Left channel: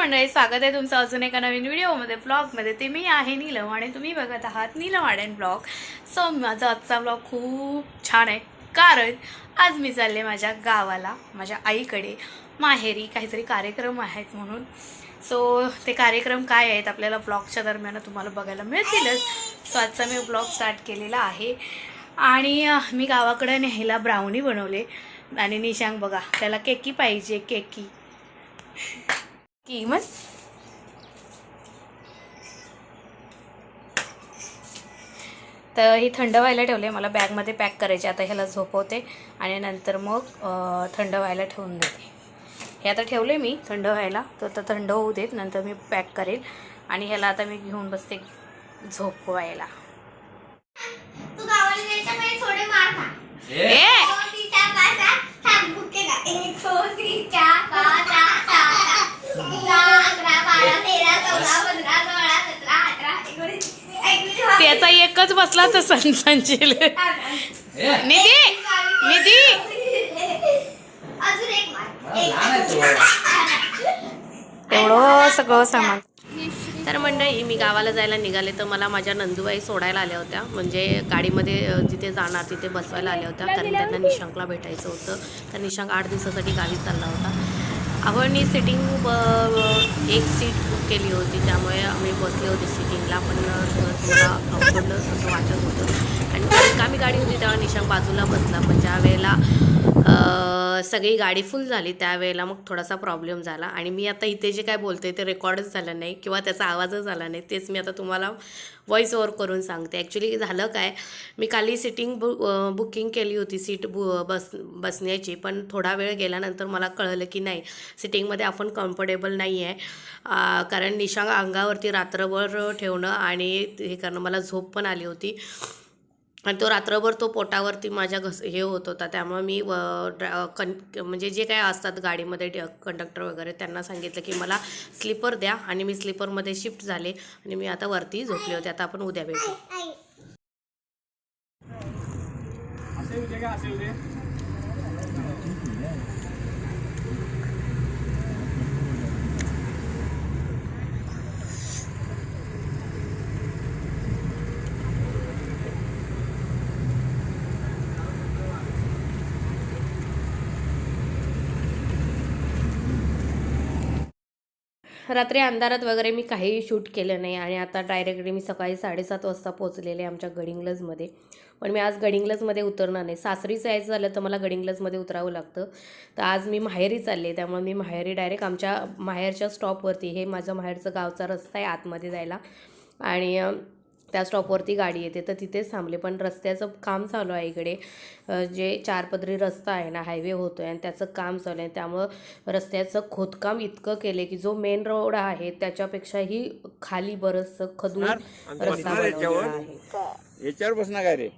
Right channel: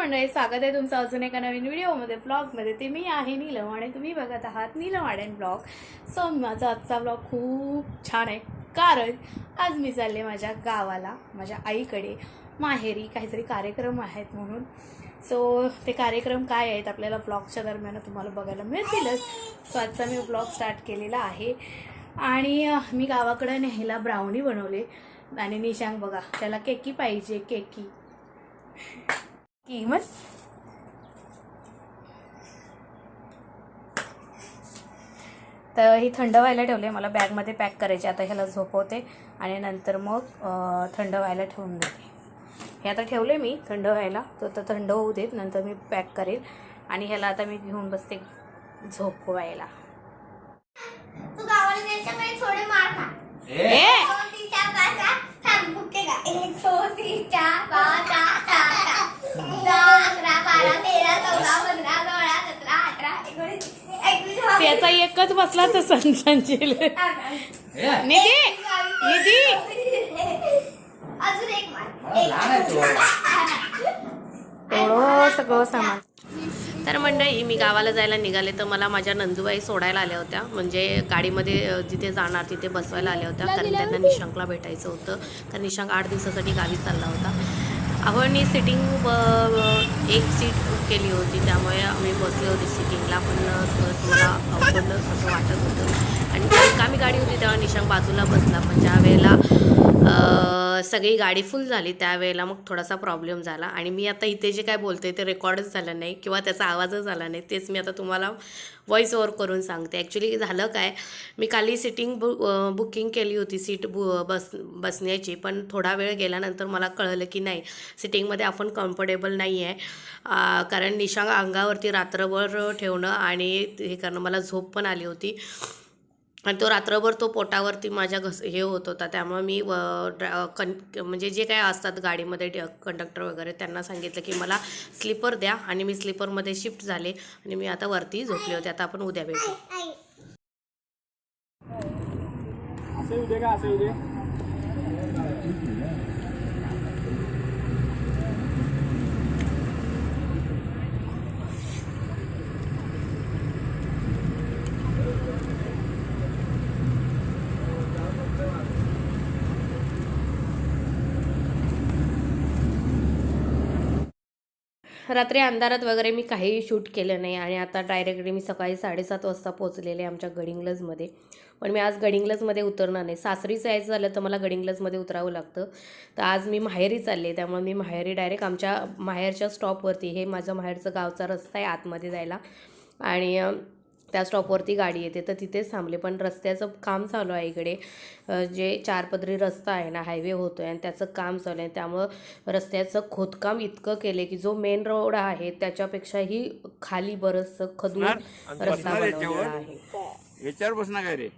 मंडळी स्वागत आहे तुमचं अजून एका नवीन व्हिडिओमध्ये ब्लॉगमध्ये. ते मी आहे नीलम आणि तुम्ही बघत आहात नीलम आर्ट ब्लॉग. सो माझा आजचा ब्लॉग खूप छान आहे. कारण आज मी चालले माझ्या गावाला माझ्या आईकडे. माहेरी काहीतरी कार्यक्रम आहेत म्हणून. सो ते कार्यक्रम काय आहेत आपल्याला ब्लॉगच्या दरम्यान तुम्हाला बघायला मिळतीलच. सो आजचा मी ब्लॉग स्टार्ट केलेला आहे. आणि मी गावाकडे न्यायला ब्राउनी बनवले. आणि निशांग बघा त्याला केकी पाहिजे केकी. की मग? तर ही थंड व्हायला ठेवले मला बॅगमध्ये पॅक करायचे आता ह्याला झोपवते आणि नंतर मग थंड व्हायला ठेवून देते. हे आता ठेवले मी थंड व्हायला. तर आता थंड होऊ देत नंतर मी पॅक करेल. आणि ह्याला आता मी घेऊन बसते झोपवायला. तू गावाला जायच्या पहिले थोडे मार खा. ए त्याचा एकच बसला तर संचिल निधी निधी. तेवढं सगळं सामान. तर मंडळी मी गावाला जायला निघाले तर मला माझ्या नंदूबाई सोडायला आल्या होत्या. म्हणजे गाडीमध्ये जिथे जाणार तिथे बसवायला आल्या होत्या. कारण त्यांना निशांकला भेटायचं होतं. तर निशांक आठ दिवसासाठी गावी चालला होता. आपण सिटिंग एक सीट बुक केली होती. त्यामुळे आम्ही बसले होते सिटिंगला पण थोडंसं मला अवघडलं असं वाटत होतं. आणि कामी गाडी होती तेव्हा निशांक बाजूला बसला पण ज्या वेळेला हो. सगळी गाडी फुल झाली त्यावेळेला मग थोडासा प्रॉब्लेम झाला. आणि मी आता इथे जे काय बोलते ते रेकॉर्डच झालं नाही किंवा त्याचा आवाजच झाला नाही. तेच मी आता तुम्हाला व्हॉइस ओवर करून सांगते. ॲक्च्युली झालं काय मी काली सिटिंग बु बुकिंग केली होती सीट बु बस बसण्याची. पण थोडा वेळ गेल्यानंतर मला कळलं की नाही सिटिंगमध्ये आपण कम्फर्टेबल नाही आहे कारण निशांग अंगावरती रात्रभर ठेवणं आणि हे करणं मला झोप पण आली होती. आणि तो रात्रभर तो पोटावरती माझ्या घस हे होत होता. त्यामुळे मी व ड्रा कन म्हणजे जे काय असतात गाडीमध्ये कंडक्टर वगैरे त्यांना सांगितलं की मला स्लीपर द्या आणि मी स्लीपरमध्ये शिफ्ट झाले आणि मी आता वरती झोपले होते. आता आपण उद्या भेटू. असे उद्या का? असे उद्या? रात्री अंधारात वगैरे मी काहीही शूट केलं नाही आणि आता डायरेक्टली मी सकाळी साडेसात वाजता पोचलेले आमच्या गडिंग्लजमध्ये. पण मी आज गडिंग्लजमध्ये उतरणार नाही. सासरी जायचं झालं तर मला गडिंग्लजमध्ये उतरावं लागतं. तर आज मी माहेरी चालले त्यामुळे मी माहेरी डायरेक्ट आमच्या माहेरच्या स्टॉपवरती हे माझं माहेरचं गावचा रस्ता आहे आतमध्ये जायला. आणि त्या स्टॉपवरती गाडी येते. तर तिथेच थांबले. पण रस्त्याचं काम चालू आहे इकडे. जे चारपदरी रस्ता आहे ना हायवे होतो आहे आणि त्याचं काम चालू आहे. त्यामुळं रस्त्याचं खोदकाम इतकं केले की जो मेन रोड आहे त्याच्यापेक्षाही खाली बरंचसं खदून रस्ता बनवलेला आहे. याच्यावर काय रे?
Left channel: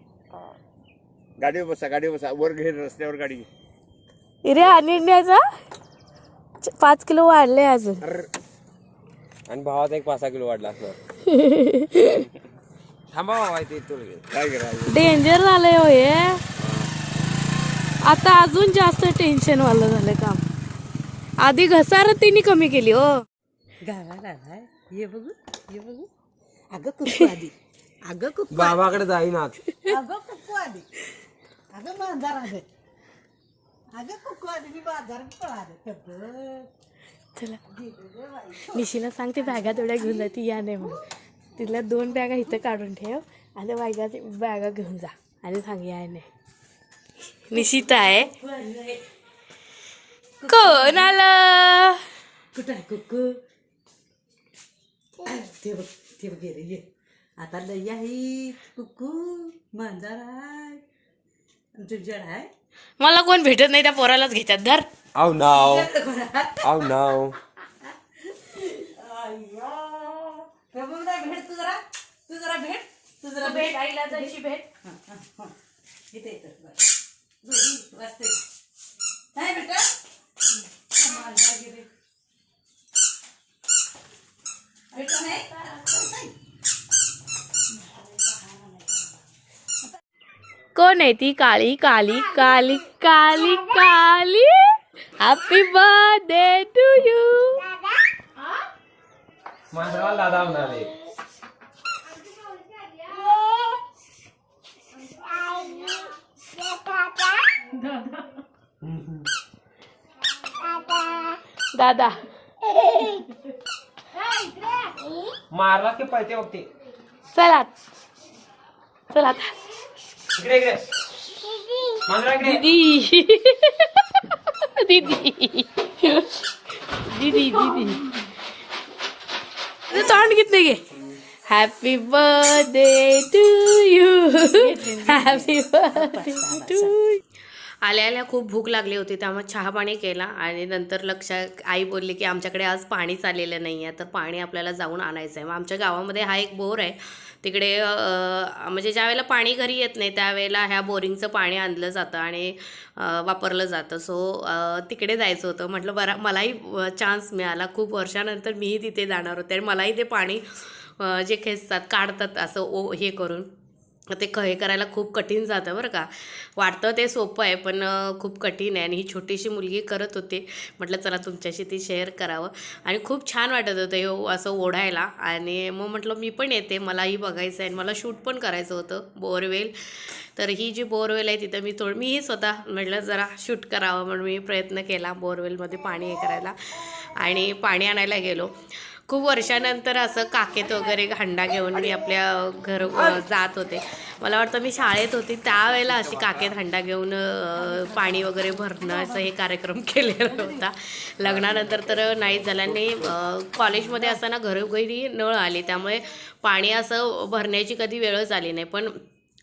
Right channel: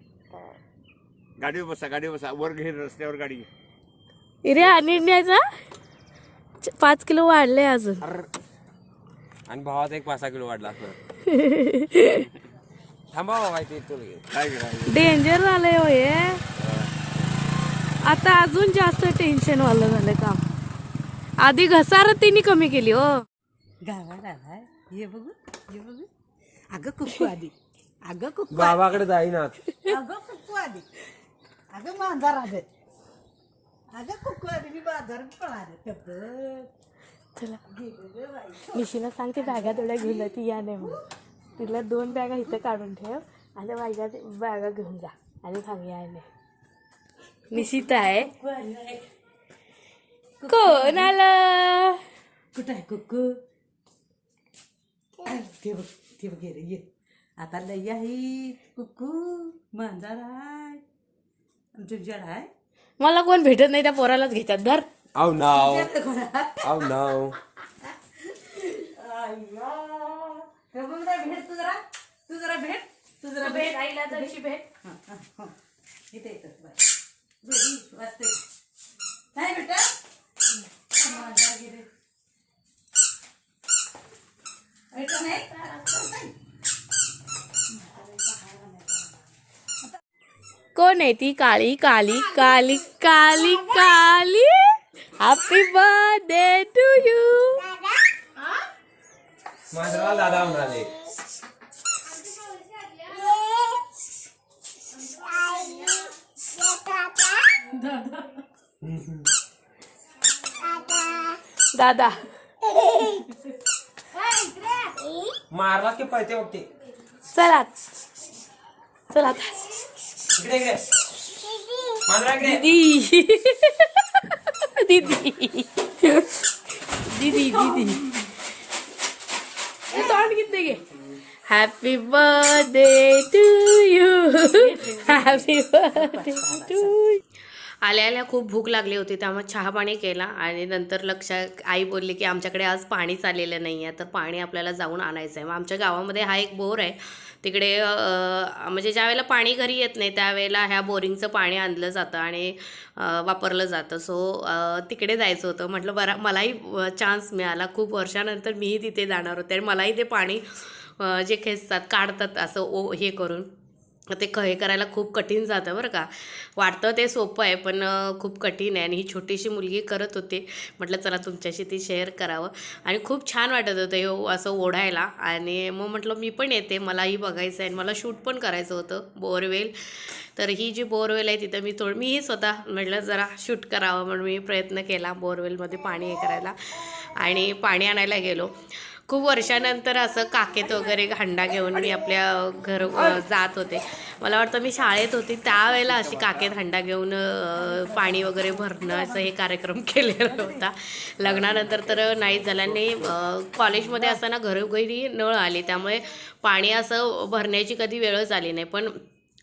गाडीवर बसा गाडीवर बसा. वर घे रस्त्यावर गाडी. घे रे अनिन्याचा पाच किलो वाढले अजून. आणि भावाचा एक पाच सहा किलो वाढला असणार. थांबा बाबा ते तुला डेंजर झालंय हो हे. आता अजून जास्त टेन्शन वालं झालं काम. आधी घसारतीने कमी केली हो. बघू ये बघू. अगं कुक्कू आधी. अगं कुक्कू बाबाकडे जाईनाच अगं कुक्कू आधी. अगं मांजार आले अगं कुक्कू आधी मी बाजार पळाले. चला. निशीला सांगते बॅगा तेवढ्या घेऊन जा ती या नाही म्हणून. तिला दोन बॅगा इथं काढून ठेव. आणि बॅगा बॅगा घेऊन जा. आणि सांग या नाही निशिता आहे. कोण आलं? कुठं आहे कुक्कू ते बघ ते बघ ये आता लई आहे कुक्कू मांजार आहे. आमचं जड आहे. मला कोण भेटत नाही त्या पोरालाच घेतात धर. आव नाव. आव नाव. भेट तू जरा तू जरा भेट तू जरा भेट. आईला तशी भेट. इथे येतात बाय दोघी वाजते. नाही बेटा. कोण आहे ती काळी काली काली काली काली? हॅपी बर्थडे टू यू मांजराला दादा म्हणाले. दादा. मारला की पळते बघ ते. चला. चला आता. इकडे इकडे. मांजरा इकडे. दीदी. दीदी. दीदी दीदी. तोंड घेतले गे. Happy birthday to you happy birthday to आल्या आल्या खूप भूक लागली होती त्यामुळे चहा पाणी केला आणि नंतर लक्षात आई बोलली की आमच्याकडे आज पाणीच आलेलं नाही आहे तर पाणी आपल्याला जाऊन आणायचं आहे मग आमच्या गावामध्ये हा एक बोर आहे तिकडे म्हणजे ज्यावेळेला पाणी घरी येत नाही त्यावेळेला ह्या बोरिंगचं पाणी आणलं जातं आणि वापरलं जातं. सो तिकडे जायचं होतं. म्हटलं बरा मलाही चान्स मिळाला. खूप वर्षानंतर मीही तिथे जाणार होते आणि मलाही ते पाणी जे खेचतात काढतात असं ओ हे करून. ते क हे करायला खूप कठीण जातं बरं का. वाटतं ते सोपं आहे पण खूप कठीण आहे. आणि ही छोटीशी मुलगी करत होते. म्हटलं चला तुमच्याशी ती शेअर करावं. आणि खूप छान वाटत होतं हे असं ओढायला. आणि मग म्हटलं मी पण येते. मलाही बघायचं आहे आणि मला शूट पण करायचं होतं. बोरवेल तर ही जी बोरवेल आहे तिथं मी थोडं मीही स्वतः म्हटलं जरा शूट करावं म्हणून मी प्रयत्न केला बोरवेलमध्ये पाणी हे करायला. आणि पाणी आणायला गेलो. खूप वर्षानंतर असं काकेत वगैरे हंडा घेऊन मी आपल्या घर जात होते. मला वाटतं मी शाळेत होती त्यावेळेला अशी काकेत हंडा घेऊन पाणी वगैरे भरणं असं हे कार्यक्रम केलेला होता. लग्नानंतर तर नाही झाल्याने कॉलेजमध्ये असताना घरोघरी नळ आली. त्यामुळे पाणी असं भरण्याची कधी वेळच आली नाही. पण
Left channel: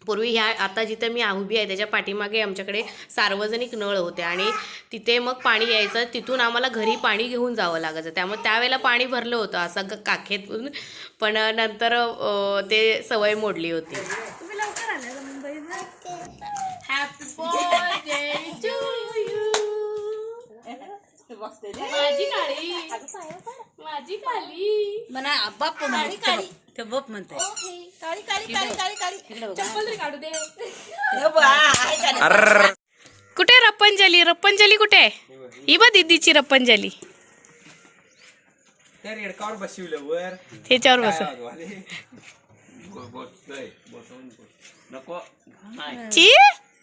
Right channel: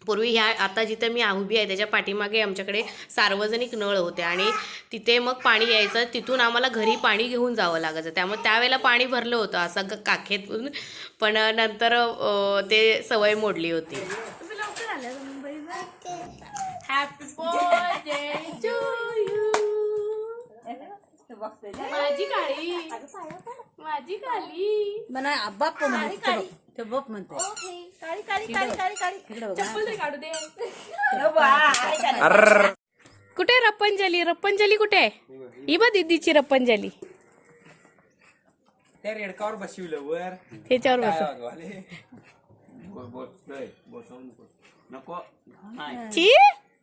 पूर्वी ह्या आता जिथं मी उभी आहे त्याच्या पाठीमागे आमच्याकडे सार्वजनिक नळ होते आणि तिथे मग पाणी यायचं. तिथून आम्हाला घरी पाणी घेऊन जावं लागायचं. त्यामुळे त्यावेळेला पाणी भरलं होतं असं ग- काखेतून. पण नंतर ते सवय मोडली होती. माझी काळी. माझी काळी. म्हणा बाप म्हणते ते बाप. कुठे रप्पंजली रप्पंजली कुठे ही बा दीदीची रप्पंजली त्या रेडकावर बसविलं वर. त्याच्यावर बस. नको. ची?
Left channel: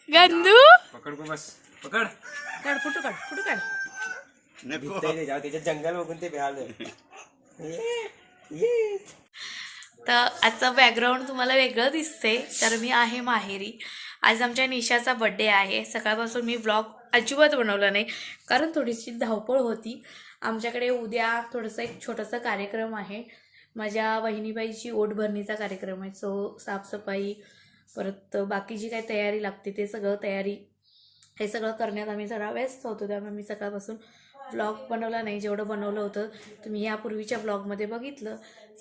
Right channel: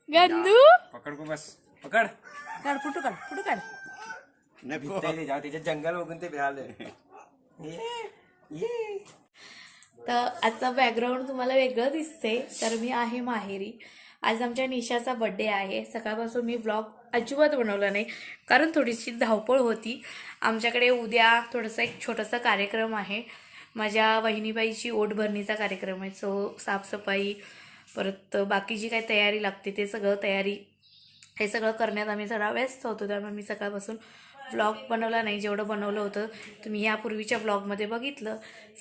गंदू? पकड को बस. पकड. काढ कुठं काढ कुठं काढ? नको. त्याच्या त्याच्या जंगल बघून ते तर आजचं बॅकग्राऊंड तुम्हाला वेगळं दिसते तर मी आहे माहेरी. आज आमच्या निशाचा बड्डे आहे. सकाळपासून मी ब्लॉग अजिबात बनवला नाही कारण थोडीशी धावपळ होती. आमच्याकडे उद्या थोडंसं एक छोटंसं कार्यक्रम आहे. माझ्या वहिनीबाईची ओट भरणीचा कार्यक्रम आहे सो साफसफाई परत बाकी जी काही तयारी लागते ते सगळं तयारी हे सगळं करण्यात आम्ही जरा व्यस्त होतो त्यामुळे मी सकाळपासून ब्लॉग बनवला नाही जेवढं बनवलं होतं तुम्ही यापूर्वीच्या ब्लॉगमध्ये बघितलं.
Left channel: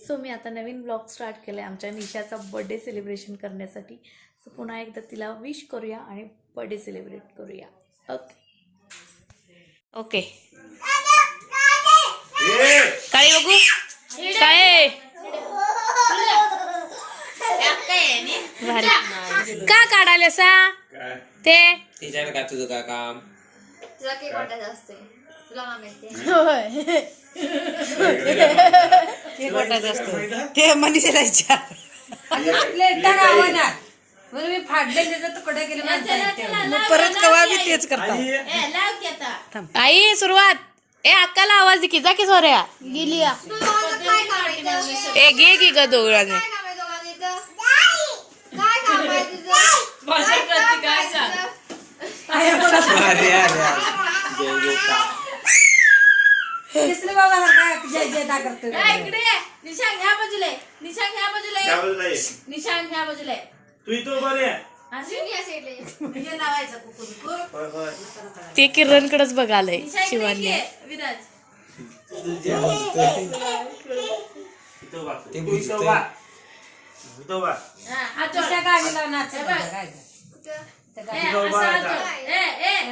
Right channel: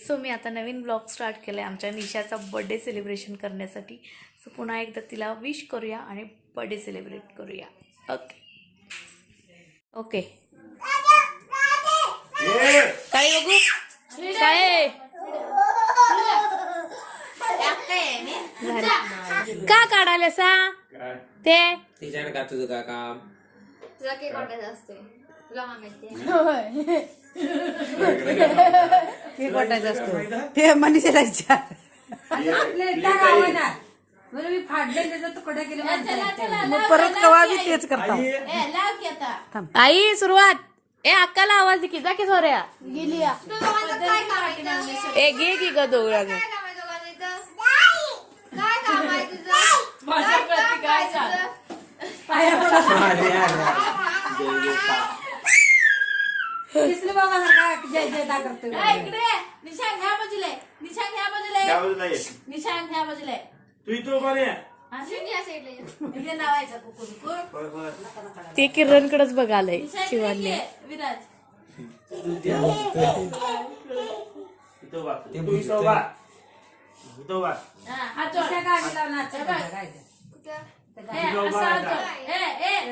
सो मी आता नवीन ब्लॉग स्टार्ट केला आहे आमच्या निशाचा बड्डे सेलिब्रेशन करण्यासाठी. सो पुन्हा एकदा तिला विश करूया आणि बड्डे सेलिब्रेट करूया. ओके ओके काय बघू? काय का काढायला सा काय? ते? का तुझं का काम? तुला केक वाटायचं असते तुला माहिती ते वाटायचं असतं. ते मनीषाला विचार. म्हणून मी फाडले त्याचा तुकडे केले मग परत कवा बी तेच करतो? आई. सुरुवात. ए अक्काला आवाज दे की जा की सोऱ्या. गेली काय कामायचं? ए घे की ग दोघा काय काय काम आहे काय काम? अरे अरे तिसरे बाबा सारखा जय जय दा करतो इकडे ये. निशांग ह्या बाजूला आहे. निशांग ह्या बाजूला आहे. निशांग ह्या बाजूला आहे. तू इथं उभा रे अजून या साईडला ये. हे लावायचं कुकू होय होय ते किरणकडेच बघालय निशांग ये, विराज. इथं उभा ते तू इथं उभा इथं उभा हा, हात जोड. तुझ्या गाडीला नाच कुठं? ए, असं हात जोड. ए, ए,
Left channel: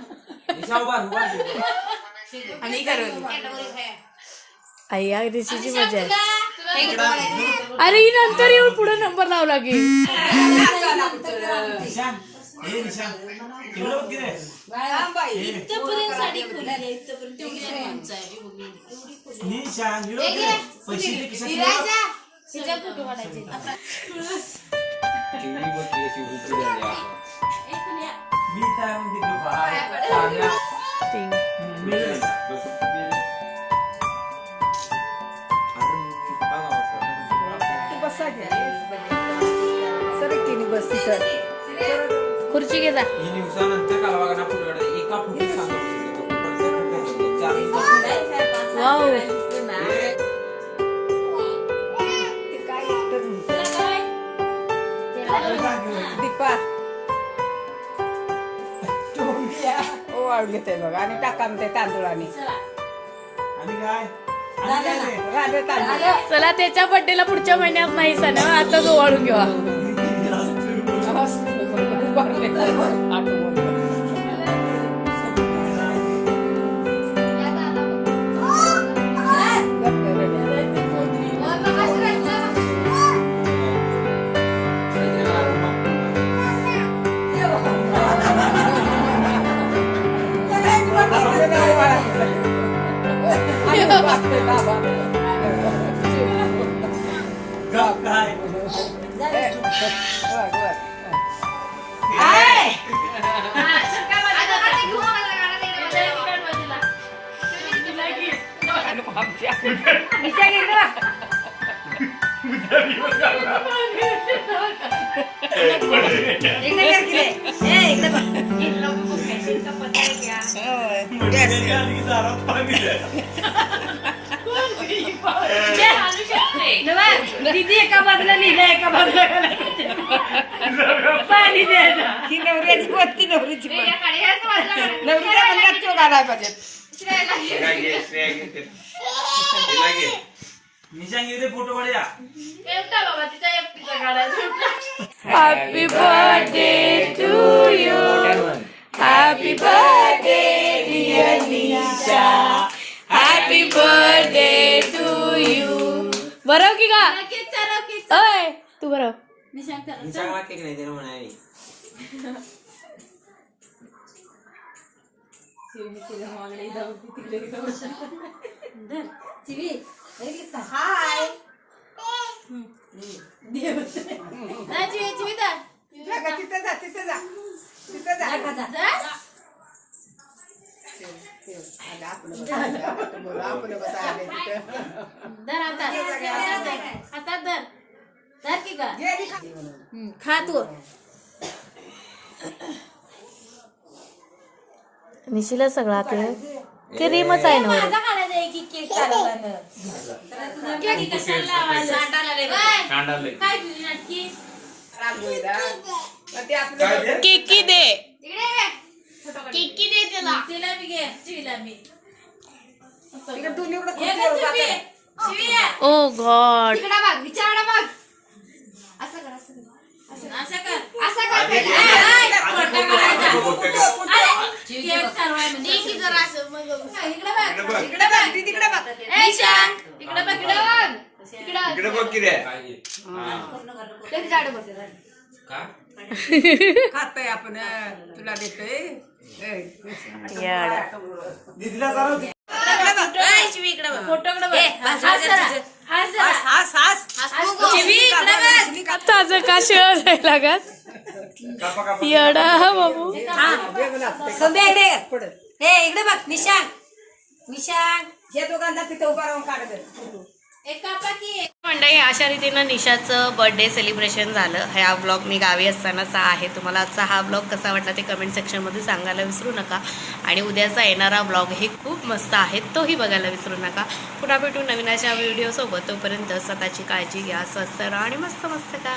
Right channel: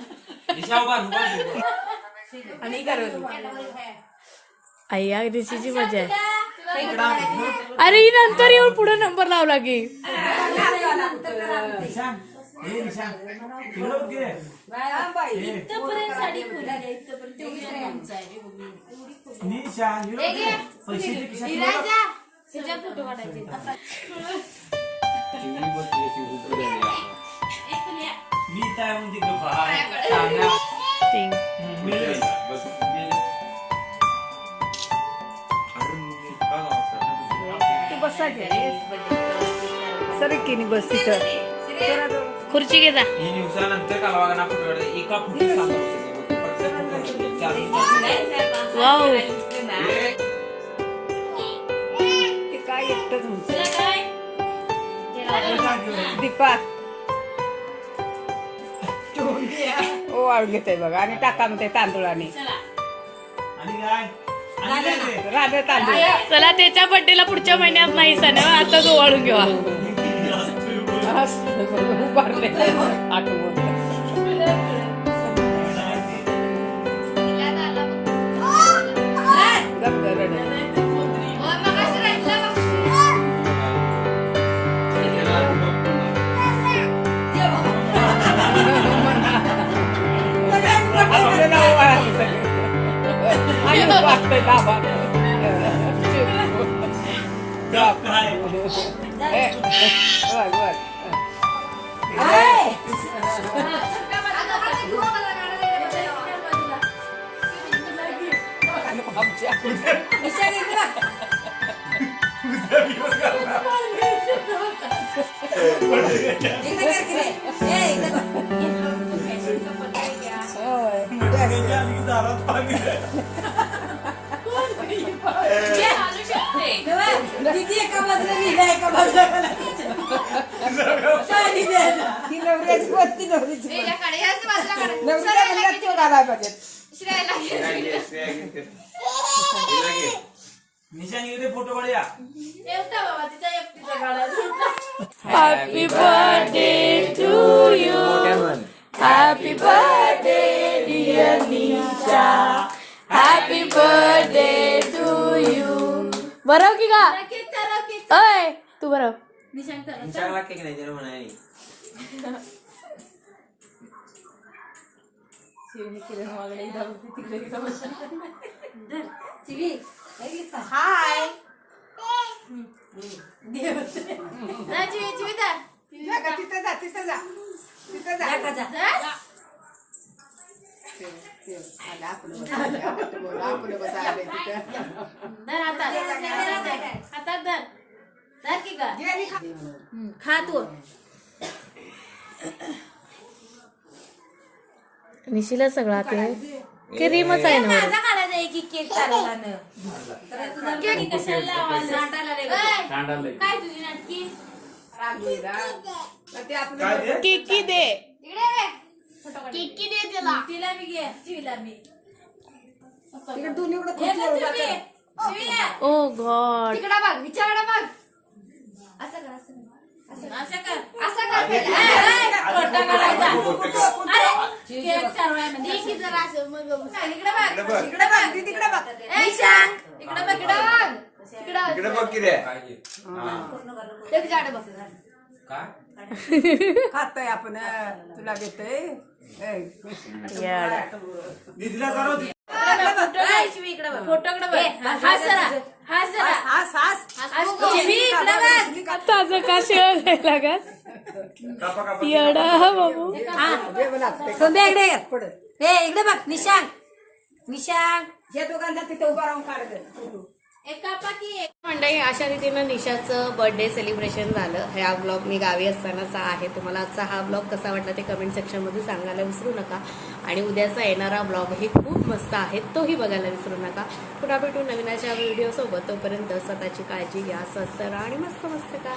आई ऋषीची मजा आहे. अरे ही नंतर येऊन पुढे नंबर की रे. पैसे मी काय म्हणजे गप्पा. हाय. चांगल्या. टिंग. हम्म, मिळेल. बस. मिळेल. सरकीनी बस तिथं. खुर्ची घे जा ही दिवसानंतर कालवाना फुटवाडे एका फुटी सांगतो प्रत्येक फुटी चार वाव ते काय एकटंच म्हणतं. तुला काय? दीपा ओ वाळून घेते बघा. आणि टाका ते तांदूळाने. चला. आणि काय? राधे तांदूळ. चला त्याच्या बर्थडेला पुढच्या महिन्यात नाही सण. आता ओवाळून घेवा. आणि वागतंय बाबा. गप काय? ए, बघ, बघ. आता आता घेऊ मला गाणं दे. ह्याच्यात काढ बाजूला. आणि आमच्या निशाणी इकडं बघ. इकडे कर की रे. ए, इकडे बघ. होय. मोठी एका बाजूला लिहिलं एका बाजूला ती नवऱ्याची ती नवरीची तो पाहिजे फोटो काढूया happy birthday to you happy birthday dear Nisha happy birthday to you बरं की केक अय तू बरं. निशाण चालव. निशाला केक नाही त्याने म्हणाली जा, जीवी- जीविता. तिथं जा तिथं जा तिथं जा की का खा तू निशीला सगळा ते क्रीमच आहे ना केक दे? केकी दे तिला तिला घे चिवीला मी. हे. Oh God. तिकडे बघ विचारडा बघ. असं कर कर. कर. तिकडे बघ. खातोय आपण तुला देतोय. ताजं का शिळ लागत? येडा बाबू. इकडे. बघ निशांग निशांग या दोघांना तिथे उभा राहून काढत. मंडळी अशा रीतीनं निशाचं बर्थडे सेलिब्रेशन झालं. हा ब्लॉग मी गावी असतानाचा आहे. तुम्हाला आजचा हा ब्लॉग कसा वाटला ते कमेंट सेक्शनमध्ये सांगायला विसरू नका. आणि उद्याचा येणारा ब्लॉग हे खूप मस्त आहे तोही बघायला विसरू नका. पुन्हा भेटू नवीन अशा व्हिडिओसोबत तोपर्यंत स्वतःची काळजी घ्या स्वस्त राहा आणि मस्त मस्त का